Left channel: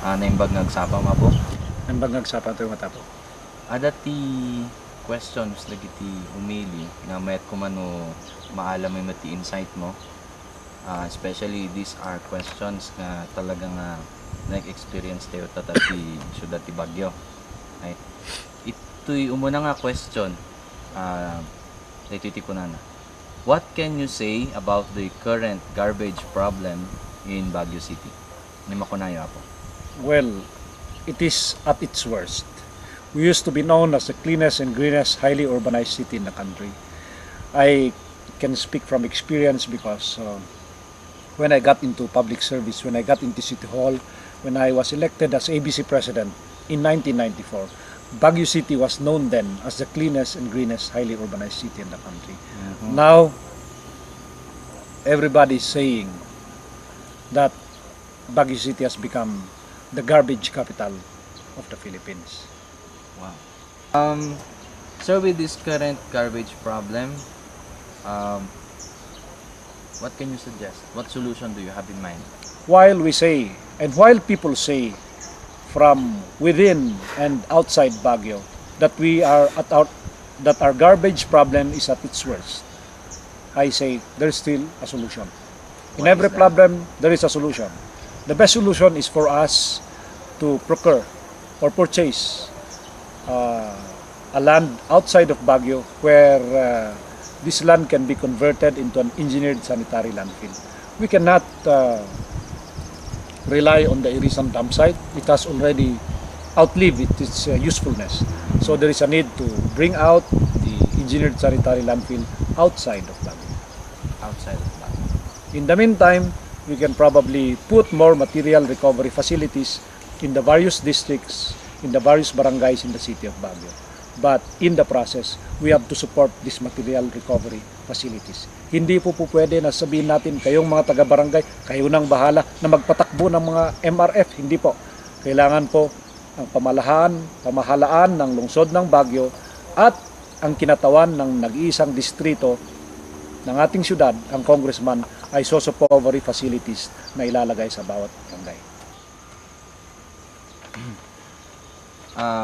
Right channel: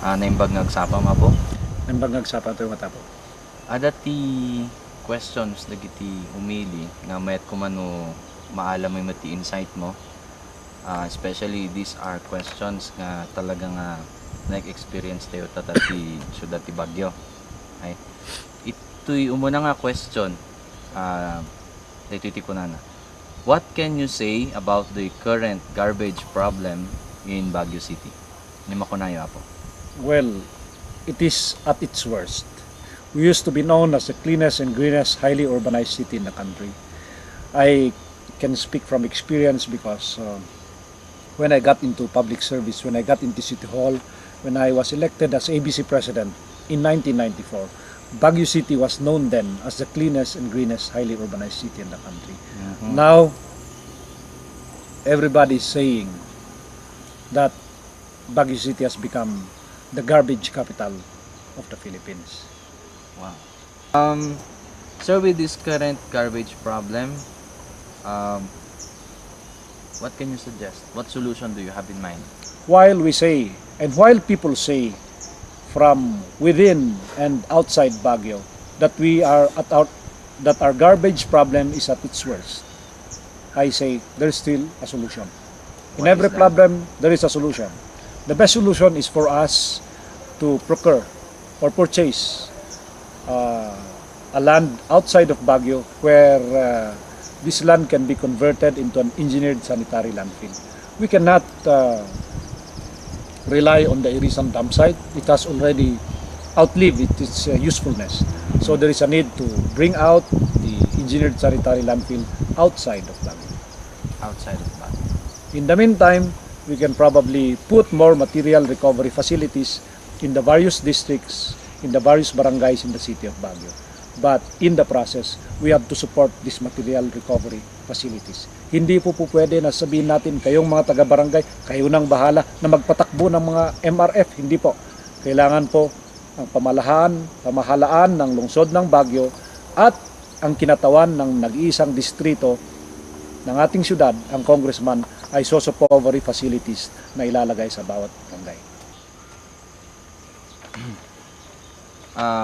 naimbag ngagsapa mapo. Naimbag ngagsapa tayo matapo. Ada ti questions dagiti umili nga mayat kumano maalam mo ti insight mo. Especially these are questions nga talagang nag-experience tayo ti syudad ti Baguio. Ay, ito'y umuna nga question. Dito ti kunana. What can you say about the current garbage problem in Baguio City? Ni makunayo apo. Well, it is at its worst. We used to be known as the cleanest and greenest, highly urbanized city in the country. I can speak from experience because when I got into public service, when I got into City Hall, when I was elected as ABC President in 1994, Baguio City was known then as the cleanest and greenest, highly urbanized city in the country. Mm-hmm. Now, everybody is saying that Baguio City has become the garbage capital of the Philippines. Wow. Sir, with this current garbage problem, what can you suggest? What solution do you have in mind? While we say, and while people say from within and outside Baguio that that our garbage problem is at its worst, I say there's still a solution. In What every is that? problem, there is a solution. The best solution is for us to procure or purchase a land outside of Baguio where this land can be converted into an engineered sanitary landfill. We cannot rely on the Irisan dump site. It has already outlived its usefulness. So there is a need to bring out the engineered sanitary landfill outside of Baguio. Outside of Baguio. In the meantime, we can probably put more material recovery facilities in the various districts, in the various barangays in the city of Baguio. But in the process, we have to support these material recovery facilities. Hindi po pwede na sabihin natin, kayong mga taga-barangay, kayo nang bahala na magpatakbo ng mga MRF. Hindi po. Kailangan po ang pamahalaan ng lungsod ng Baguio at ang kinatawan ng nag-iisang distrito ng ating syudad, ang congressman, ay socio-recovery facilities na ilalagay sa bawat barangay.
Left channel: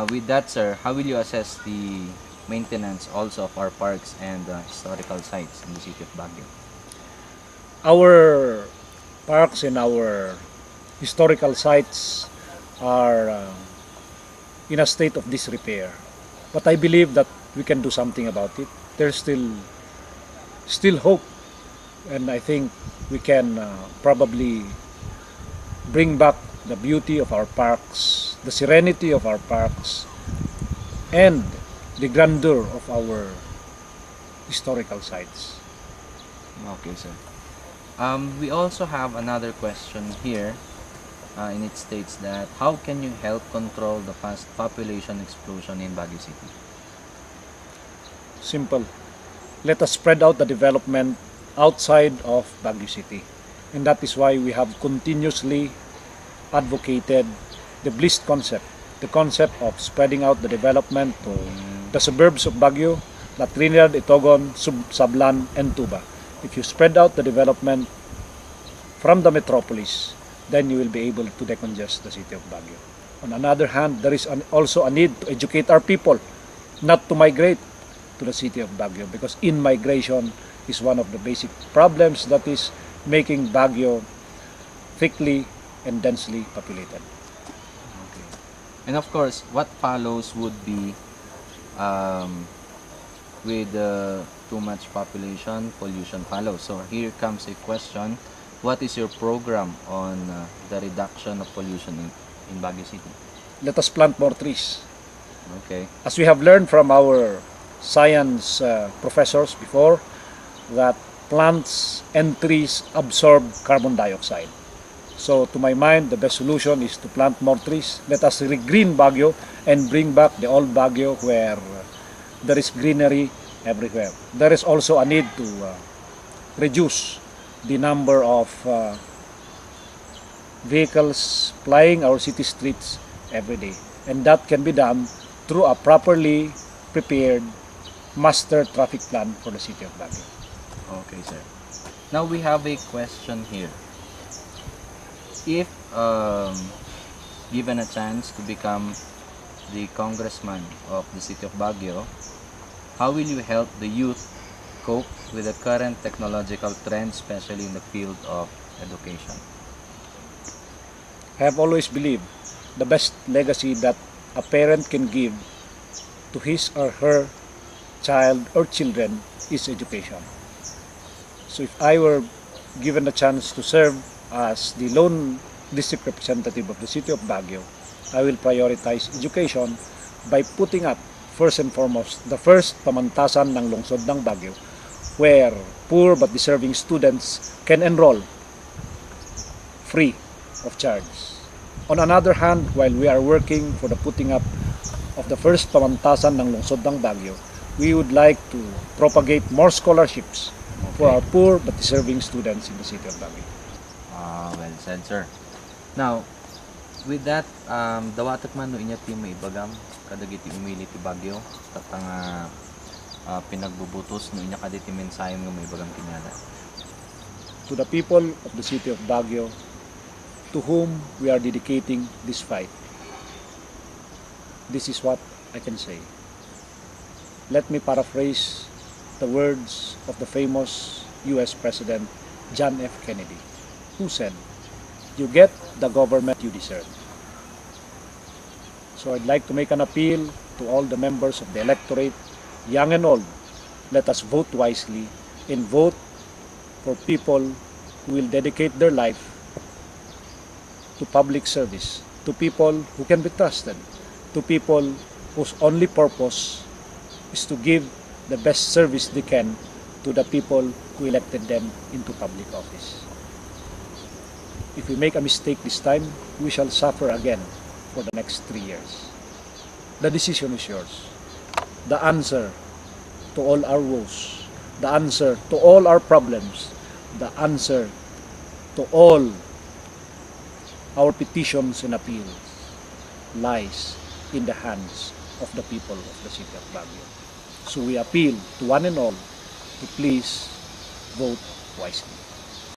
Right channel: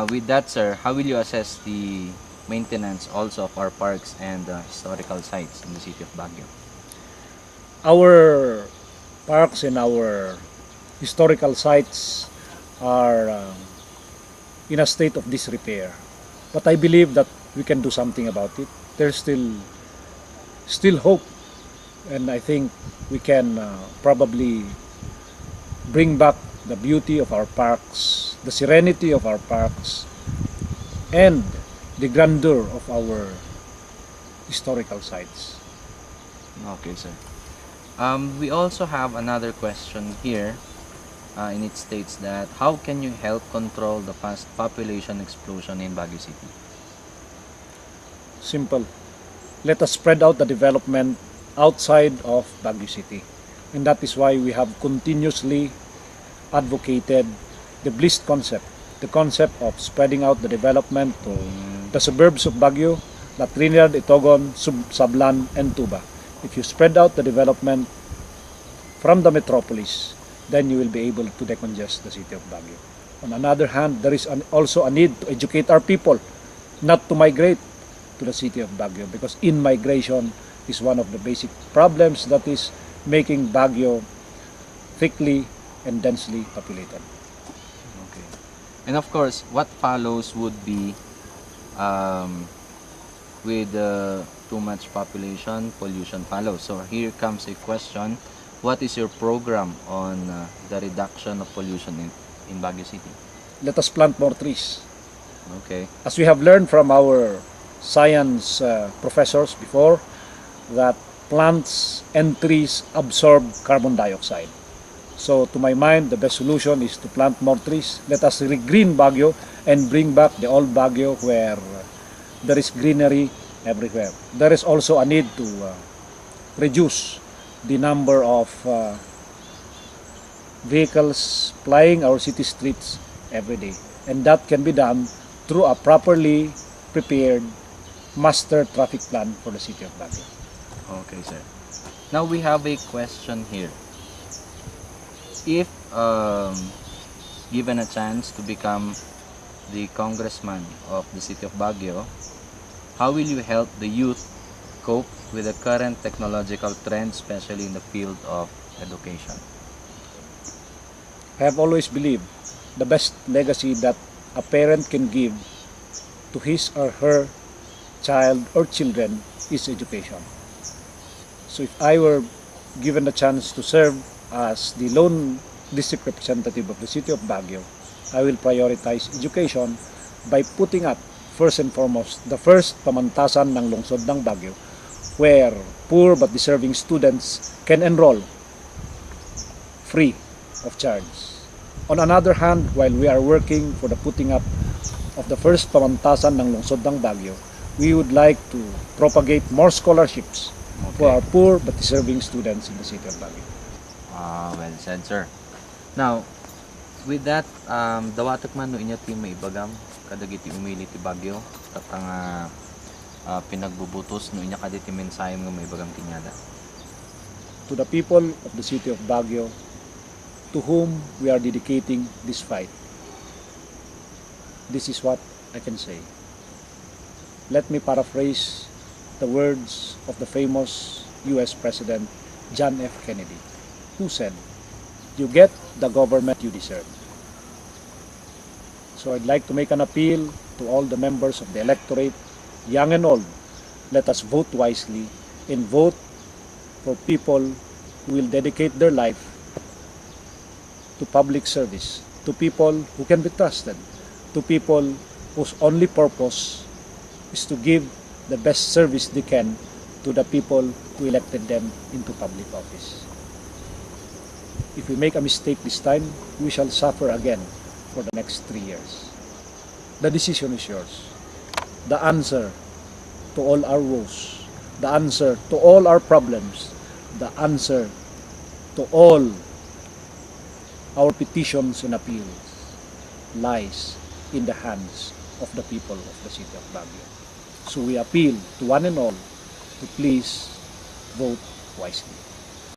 With that, sir, how will you assess the maintenance also of our parks and historical sites in the city of Baguio? Our parks and our historical sites are in a state of disrepair. But I believe that we can do something about it. There's still hope, and I think we can probably bring back the beauty of our parks, the serenity of our parks, and the grandeur of our historical sites. Okay, sir. We also have another question here, and it states that how can you help control the fast population explosion in Baguio City? Simple. Let us spread out the development outside of Baguio City. And that is why we have continuously advocated the BLIST concept, the concept of spreading out the development to the suburbs of Baguio, La Trinidad, Itogon, Sablan, and Tuba. If you spread out the development from the metropolis, then you will be able to decongest the city of Baguio. On another hand, there is also a need to educate our people not to migrate to the city of Baguio, because in-migration is one of the basic problems that is making Baguio thickly and densely populated. Okay. And of course, what follows would be with too much population, pollution follows. So here comes a question. What is your program on the reduction of pollution in Baguio City? Let us plant more trees. Okay. As we have learned from our science professors before, that plants and trees absorb carbon dioxide. So to my mind, the best solution is to plant more trees. Let us regreen Baguio and bring back the old Baguio where there is greenery everywhere. There is also a need to reduce the number of vehicles plying our city streets every day. And that can be done through a properly prepared master traffic plan for the city of Baguio. Okay, sir. Now we have a question here. If given a chance to become the congressman of the city of Baguio, how will you help the youth cope with the current technological trends, especially in the field of education? I have always believed the best legacy that a parent can give to his or her child or children is education. So if I were given the chance to serve as the lone district representative of the city of Baguio, I will prioritize education by putting up first and foremost the first pamantasan ng lungsod ng Baguio, where poor but deserving students can enroll free of charge. On another hand, while we are working for the putting up of the first pamantasan ng lungsod ng Baguio, we would like to propagate more scholarships for our poor but deserving students in the city of Baguio. Well said, sir. Now, with that, dawatak man no inya ti maibagam kadagiti umili ti Baguio katang pinagbubutos no inya kaditi mensahe nga maibagam kinyada. To the people of the city of Baguio, to whom we are dedicating this fight, this is what I can say. Let me paraphrase the words of the famous US President John F. Kennedy, who said, "You get the government you deserve." So I'd like to make an appeal to all the members of the electorate, young and old. Let us vote wisely and vote for people who will dedicate their life to public service, to people who can be trusted, to people whose only purpose is to give the best service they can to the people who elected them into public office. If we make a mistake this time, we shall suffer again for the next 3 years. The decision is yours. The answer to all our woes, the answer to all our problems, the answer to all our petitions and appeals lies in the hands of the people of the city of Baguio. So we appeal to one and all to please vote wisely.